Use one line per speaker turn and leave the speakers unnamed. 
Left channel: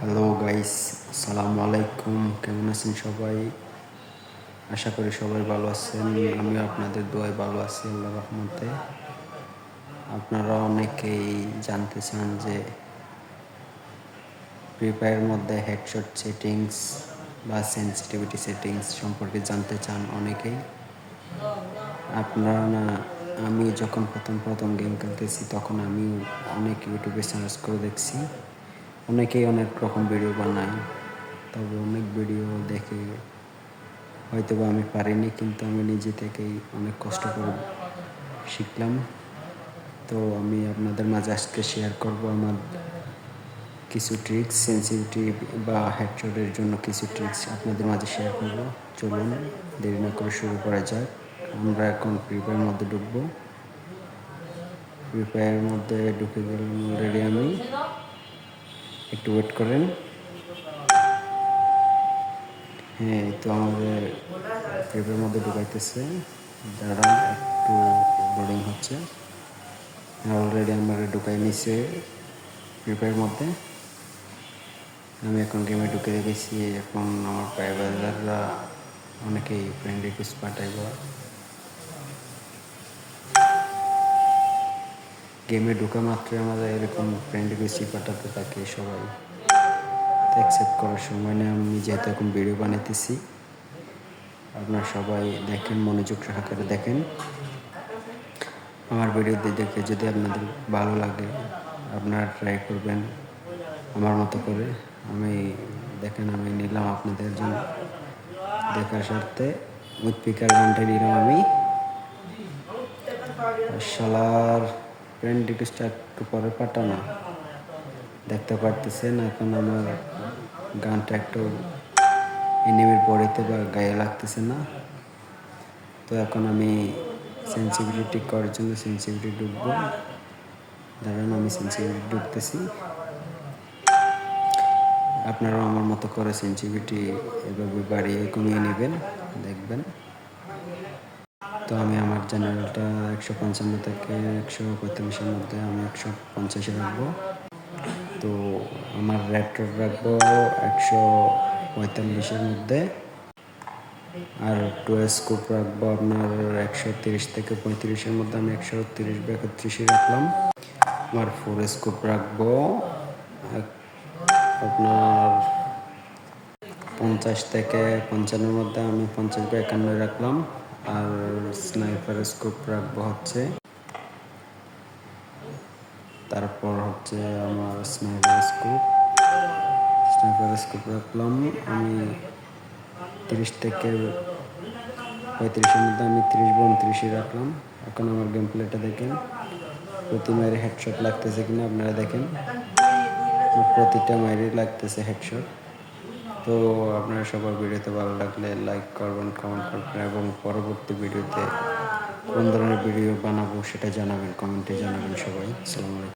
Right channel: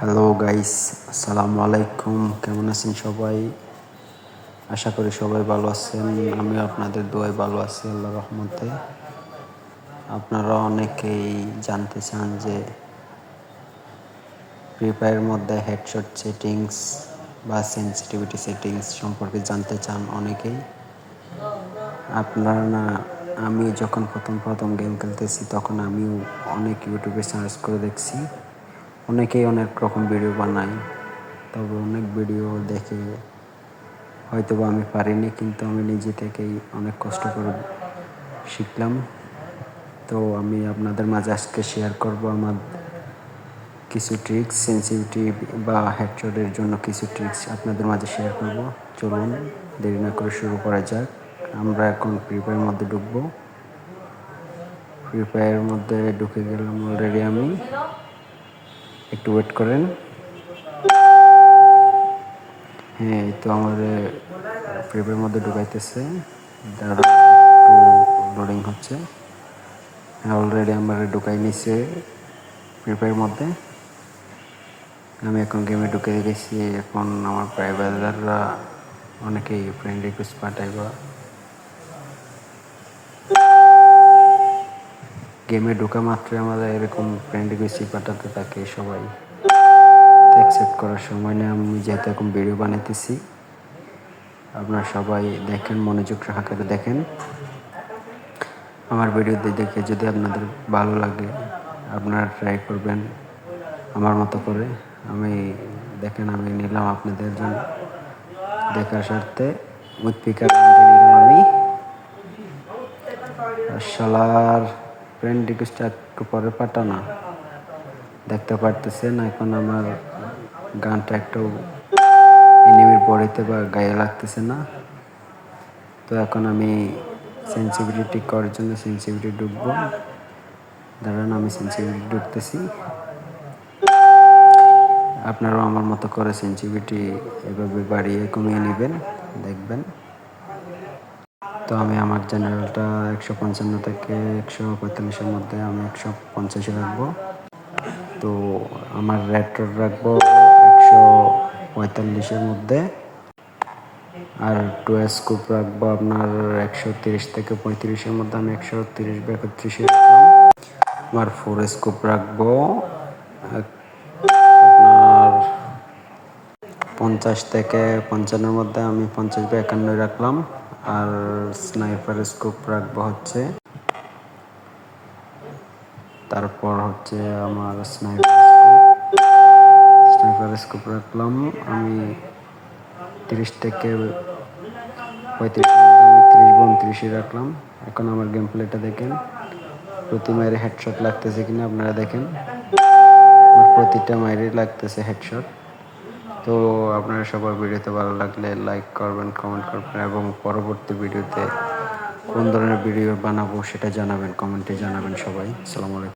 Hello guys আসসালামু আলাইকুম কেমন আছেন সবাই? আশা করি সবাই ভালো আছেন। আমিও আপনাদের দোয়ায় ভালো আছি আল্লাহ রহমতে। আপনারা অনেকেই জানতে চান যে ফ্রি মধ্যে হেডশট সেটিংস বা সেন্সিটিভিটি সেটিংস সম্পর্কে জানতে চান অনেকেই। আপনারা না, আমি যখন প্রথম প্রথম গেম খেলতেছি, তখন আমিও অনেক ইউটিউবে সার্চ করে দেখছি। অনেকেই অনেক রকম ভিডিও বানায়, তবে অনেক ভিডিও দেখে হয়তো বা আমি পারিনি, কিন্তু আমি নিজে থেকেই অনেক কষ্ট করে শিখলাম। তো আমি আপনাদের মাঝে আজকে শেয়ার করব আমার কিছু ট্রিক্স সেন্সিটিভিটি বা হেডশটের জন্য কিছু ট্রিক্স আপনাদের মাঝে শেয়ার করব। চলুন, দেরি না করে শুরু করা যাক। আমরা এখন ফ্রি ফায়ার মধ্যে ঢুকবো। ফ্রি ফায়ারের মধ্যে ঢুকে গেলাম অলরেডি আমি। একটু ওয়েট করেন। হ্যাঁ এই তো আমাদের ফায়ারের মধ্যে ঢুকাইতেছে। দাঁড়া একটু লোডিং হচ্ছে। হ্যাঁ অলরেডি আমার ঢুকাই নিছে ফ্রি মধ্যে। আমি এখন গেমে ঢুকে গেছি। এখন আমার প্রাইভেটাররা অনেকেই ফ্রেন্ড রিকোয়েস্ট পাঠাইবা। গেমে ঢোকা মাত্রই আমাদের এরকম ফ্রেন্ড রিকোয়েস্ট পাঠাতে থাকে সবাই। অ্যাকসেপ্ট করার সময় না আমি যেহেতু এখন ভিডিও বানাইতেছি। আপনারা সবাই দেখেন, মনোযোগ সহকারে দেখেন। আমার ভিডিও দেখে যদি আপনাদের ভালো লাগে, আপনারা ট্রাই করবেন আমার মতো করে। আমি দেখেন, আমি নিলাম আপনাদের জন্য। দেখার স্বার্থে উৎপিকার নিলাম আমি। শালার ফ্রেন্ড রিকোয়েস্টটা একটু পরে পাঠানা। দেখতে পারতেছেন, এখন আমার গানটা একটু এনিমির পড়িতে বা গায়ে লাগতেছে না। তো এখন আমি সেন্সিভিটি করার জন্য সেন্সিভিটি ঢুকবো। দাঁড়ান, আমি সেন্সিভিটি ঢুকতেছি। আপনারাও আমার মতো করে সেন্সিভিটি এভাবে বাড়িয়ে কমিয়ে নেবেন, দেখবেন। তো আমি আমার জেনারেলটা একশো পঞ্চান্ন থেকে একশো পঁয়তাল্লিশের মধ্যে আমি একশো পঞ্চাশে রাখব। তো আমার রেড রাখব একশো পঁয়তাল্লিশের মধ্যে। আর টু স্কোপ রাখব আপনার একশো তিরিশ থেকে পঁয়ত্রিশের মধ্যে আমি একশো তিরিশ বা একত্রিশে রাখলাম। আমার ফোর স্কোপ রাখব। আপনার পঞ্চাশ থেকে পঞ্চান্নর মধ্যে আমি পঞ্চাশ বা একান্ন রাখলাম। আর স্নাইপার স্কোপ রাখব হচ্ছে। তারপর হচ্ছে আমার স্নাইপার স্কোপ স্নাইপার স্কোপ রাখলাম। আমি তিরিশ থেকে পঁয়ত্রিশের মধ্যে আমি তিরিশ বা উনত্রিশে রাখলাম। এখন আমার গেম প্লেটা দেখেন। প্রতি মায়ের হেডশট লাগতেছে কিনা আপনারা দেখেন। আমার প্রতিটা মায়েরই লাগতেছে হেডশট তো আপনারা সবার ভিডিওতে ভালো লাগলে লাইক করবেন কমেন্ট করবেন এবং পরবর্তী ভিডিওতে কোন ধরনের ভিডিও বানাবো সেটা জানাবেন কমেন্টে জানাবেন সবাই। সালামালাইকুম